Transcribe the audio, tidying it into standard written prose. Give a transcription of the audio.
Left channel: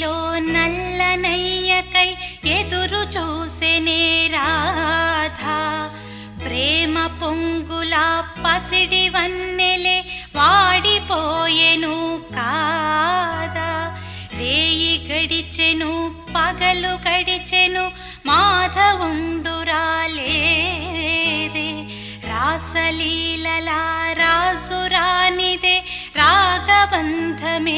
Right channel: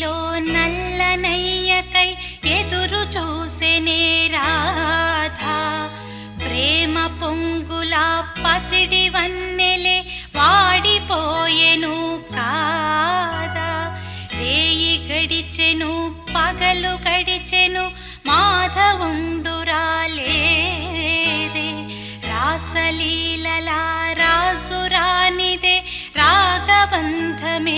దారిలో నల్లనయ్యకై ఎదురు చూసెనే రాధా. ప్రేమ పొంగులా పసిడి వన్నెలే వాడిపోయెను కాదా. రేయి గడిచెను పగలు గడిచెను మాధవుండు రాలేదే. రాసలీలలా రాజు రానిదే రాగబంధమే